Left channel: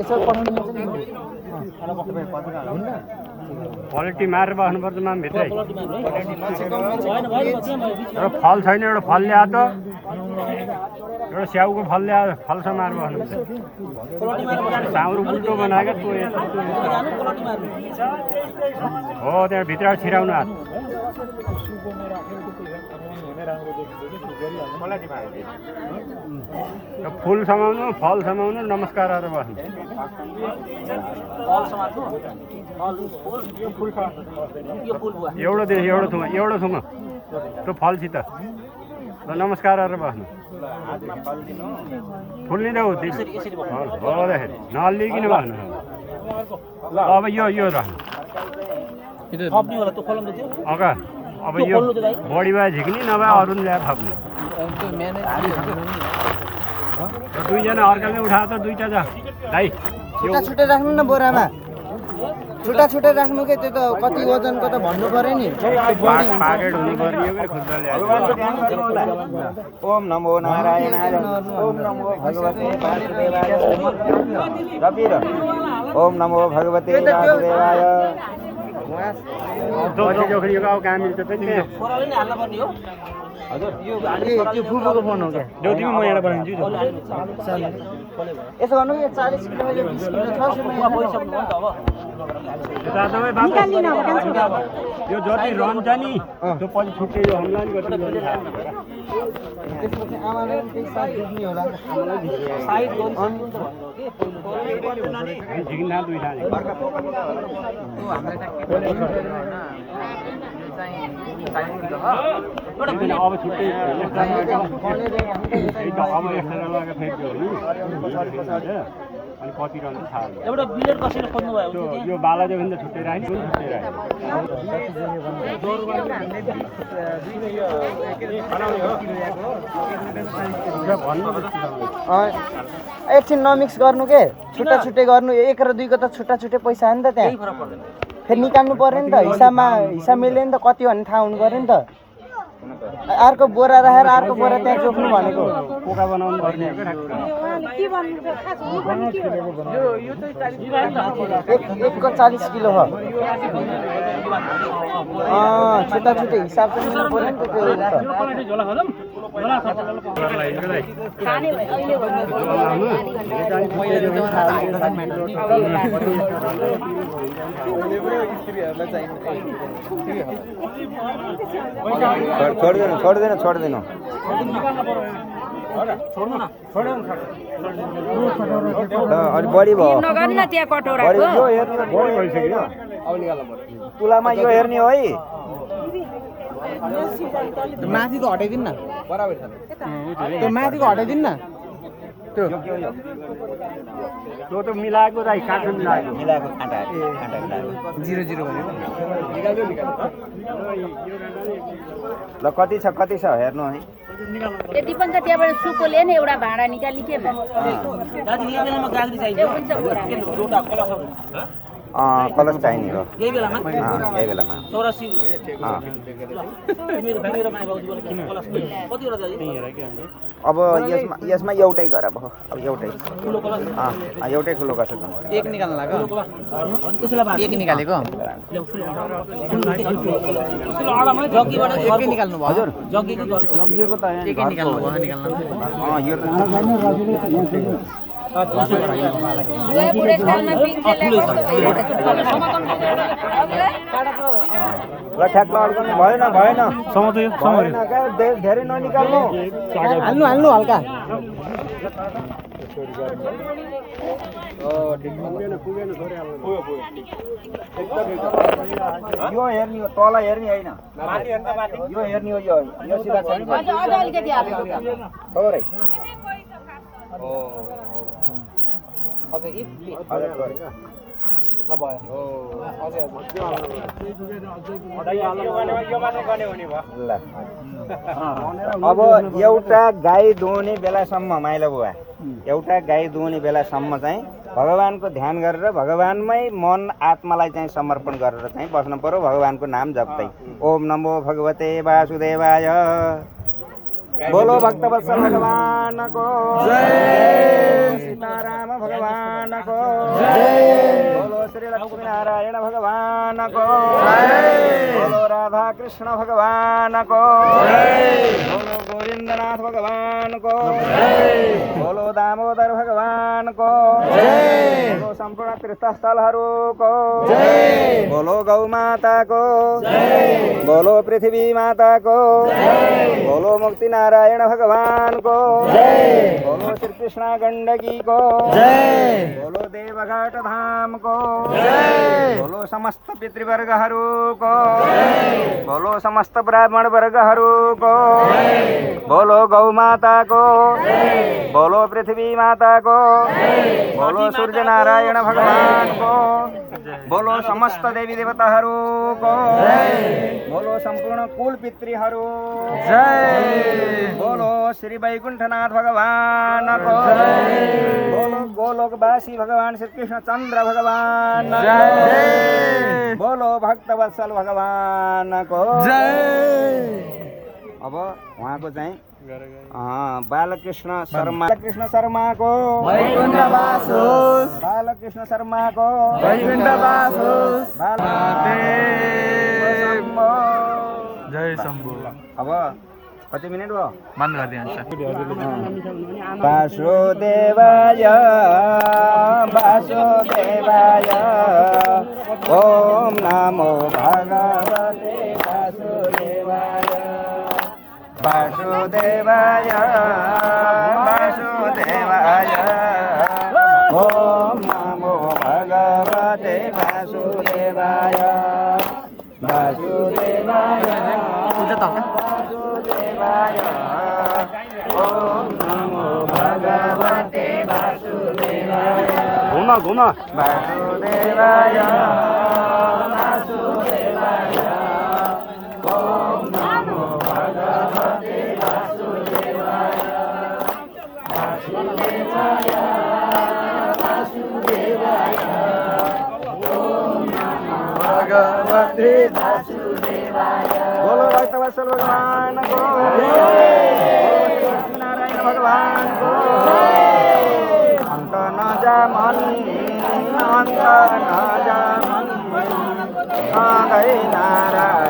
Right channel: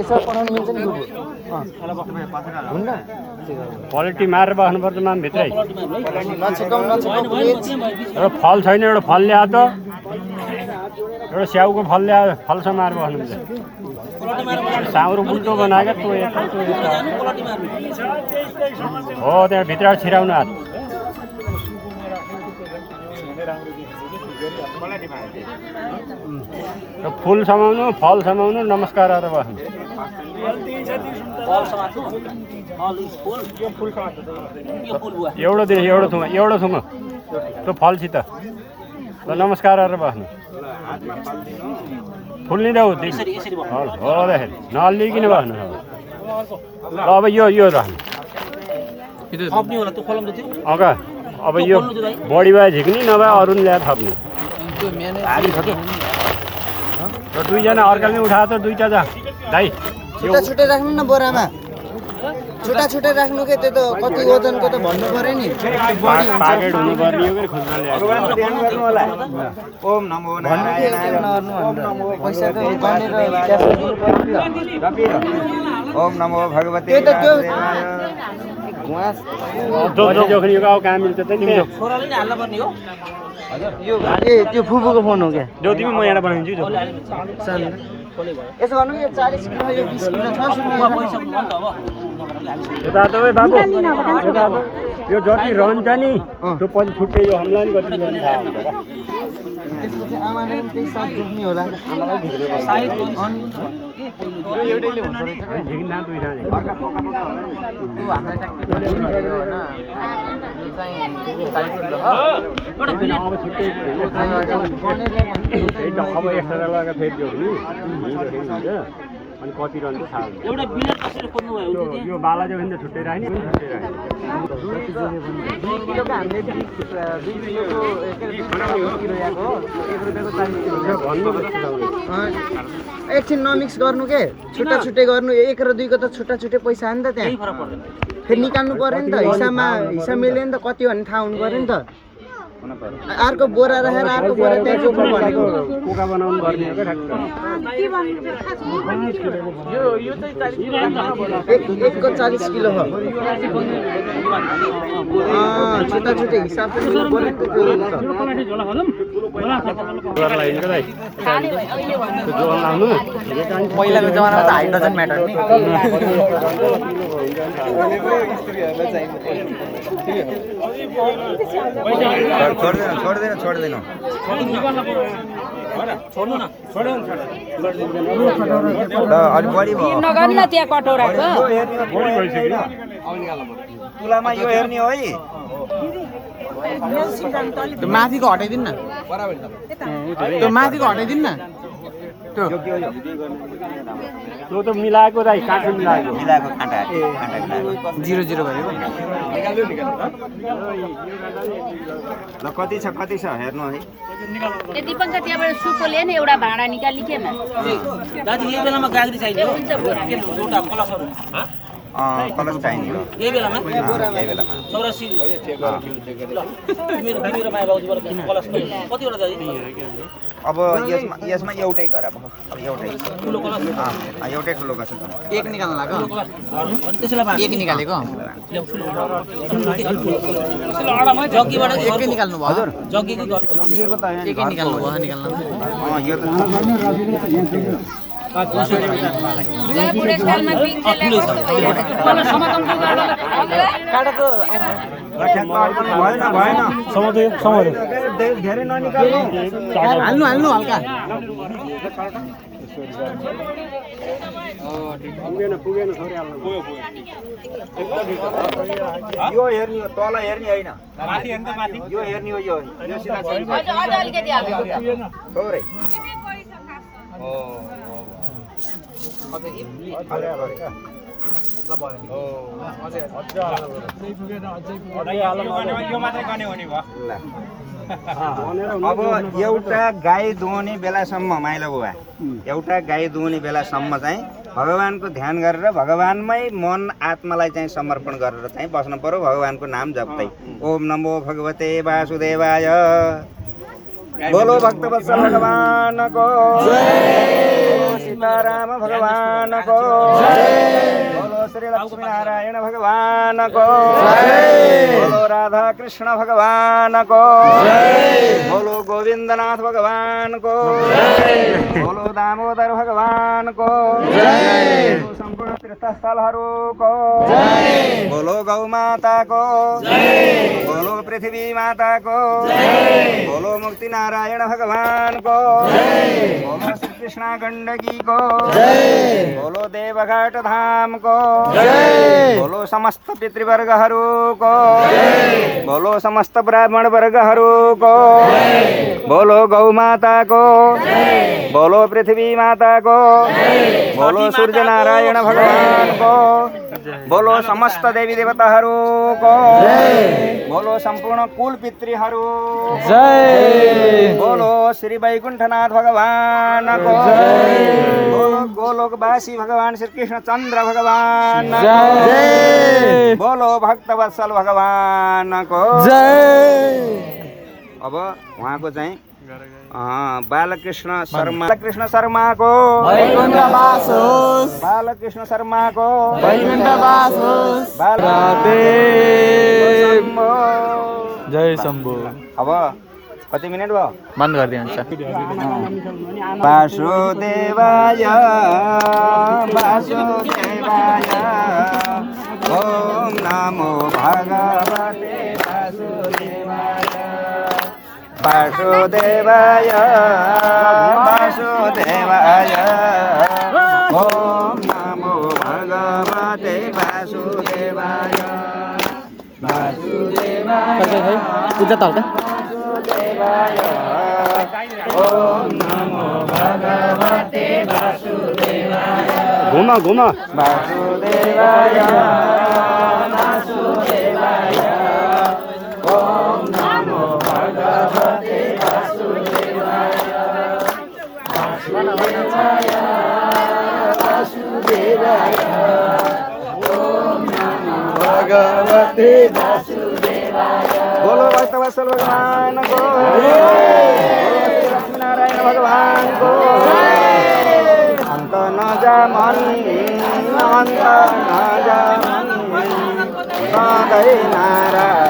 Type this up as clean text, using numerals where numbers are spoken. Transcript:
यसो पठाउनु मिल्छ नि हुन्न क्वालिटी मारेर बस्नुपर्छ माम भित्रै नछेकाउनु फल छैन एउटा फल ल्याए त एउटा स्याउको फल ल्यायो फलसँग मारेर बस्नुपर्छ साउरो उल्टो बनाएको हो त्यहाँ भित्र छिराउनु हात फुल समाउनु फल समाउनु नमस्कार गरेर बस्नु एउटा दिन एउटा थुङ त्यो फलसित नमस्कार गरेर बस्नु फुल नि देऊ नलिकन बस्नु अब यो राख्नु अब यो बढी भए झिक्ने नभए अरू ल्याएर थप्ने दुईजना अर्काले उठाएर त दुईवटा दाइ छुट्टा छुट्टै राख्नु न बोरामा छुट्टा छुट्टै राख्नु के त्यो त कति वजनको त भन्नु पर्यो नि बढी हुन्छ भगवानको ध्यान गर्नु होला ओम नमो नारायणाय ओम नमो भगवते वासुदेवाय त्यो फुपूको फोन हो क्या देऊ तिमी म यहाँ बनाइदिन्छु यसो गर्नु यो 40 किलो यो 20 किलो छ यो जति रहन्छ नि त्यो पछि छुट्टै यो हमलान गर्नु त्यसपछि आमाले पनि त्यही साथ जोख्ने होला आमालाई अब छुट्टै अब एक्स्ट्रा लगाएर फेरि अनि कति रहन्छ थाहा एउटा बिलर कसरी खोज्नु भयो यो बाला जोखिम त छुट्टै राख्ने पनि छुट्टै राख्ने 2 किलोको हामीले 2 किलोको के अरे 2 किलो याको 1 रुपैयाँको 40 किलो भन्नु जस्तो एकछिन नमिक्स गर्नु के छुट्टा छुट्टै गर्नु 1 र 2 को त छुट्टा छुट्टै पैसा हो नि त त्यहाँ फेरि निकाल्नु पर्यो नि त हिसाब मिल्यो नि त कति भन्ने थाहा हुनु पर्यो नि त अर्को बोरा राखेर अर्को बोरा त्यहाँ जोख्नु भनेको कोका बनाउनु पर्ने हो यो चाहिँ 40 किलो एकको 40 किलो हो छुट्टा छुट्टै हिसाब चाहिँ मिल्नु पर्यो नि त त्यो पहिलाको जमानामा त हाइड्रोजन म्याटर नि छोड्दैन अलि बढी भयो तुलामा यो हेर्ने हो है त्यो माथिको हटाइदिनु न त्यो माथिको हटाइदिनु न त्यो त्यो त मिलाएको दाइ काट्नु मिलाएको काँटा मिलाएको 0 गरेको ल कति छ हेर्नु है त्यति पनि त त्यहाँबाट सुकोले नि एउटा भाँडा निकालिखेन दाजु यो बेलामा गाग्री चाहियो के एउटा कलसहरु कलस चाहिने हो यही बेलामा यही बेलामा 84 मेरो माया बाबुजीबाट कलस कतिवटा दाजु अब यसमा एउटै गर अब एउटै ठुलो कलस एउटै ठुलो गर्छ एक निकाल्नु लाग्यो त्यसैलाई एक निकालेको जग्गीबाट एकै निकाल्नु भयो हजुर जग्गीको जग्गीको त एकै निकाल्नु भयो निकाल्नु यो त बुढेसकालमा भएन धेरै ननिकाल्नु हाल्नु हल्का यो हेर्ने हो तल हेर्ने होइन यो हेर्ने हो यो सिधा छैन अलिकति हाल्नु थोरै अब एउटा गाई दुहुने बेलासम्म माइला बुवा एउटा गाई दुहुने बेलासम्म चाहिँ भगवानको ध्यान गरेर भगवानमै मन आत्मालाई चाहिँ समर्पण गरेर चाहिँ बस्नु पर्यो भगवानको नाम जप्दै ओम नमो भगवते वासुदेवाय बोलो भक्तवत्सल भगवान को जय, सीताराम भगवान को जय, बोलो श्री लक्ष्मी नारायण भगवान को जय, बोलो राधा कृष्ण भगवान को जय, बोलो गोविंदनाथ भगवान को जय, बोलो दामोदर भगवान को जय, बोलो संपूर्ण तीर्थस्थलहरूको जय, बोलो गौ माता को जय, बोलो पृथ्वी माता को जय, बोलो मुक्ति नारायण भगवान को जय, बोलो श्री कृष्ण गंडकी को जय, बोलो देवघाट धाम को जय, बोलो समस्त पितृवर्गहरूको जय, बोलो समस्त ब्राह्मण वर्गहरूको जय, बोलो गौ माता को जय, बोलो पृथ्वी माता को जय, बोलो सूर्य नारायण भगवान को, बोलो समस्त देवी देवताहरूको जय, बोलो सम्पूर्ण कुल पितृहरू जय, बोलो श्री वैकुण्ठनाथ भगवान को जय, बोलो गोलोकवासी भगवान श्री कृष्ण चन्द्र भगवान को जय, बोलो भक्तवत्सल भगवान को जय। अब उहाँको चाहिँ बालकृष्ण शर्माको वैकुण्ठवास होस्, बालकृष्ण शर्माको वैकुण्ठवास होस्, जय शम्भु। अब कति मिनट भयो? बन्द गरिदिनुहुन्छ। वासुदेवाय वासुदेवाय ओम नमो भगवते वासुदेवाय वासुदेवाय वासुदेवाय ओम नमो भगवते वासुदेवाय वासुदेवाय पूजा ताल ओम नमो भगवते वासुदेवाय घुम वासुदेवाय वासुदेवाय ओम नमो भगवते वासुदेवाय वासुदेवाय वासुदेवाय ओम नमो भगवते वासुदेवाय। बोलो भक्तवत्सल भगवान को नारायण भगवान को अंत न जामहि नारायण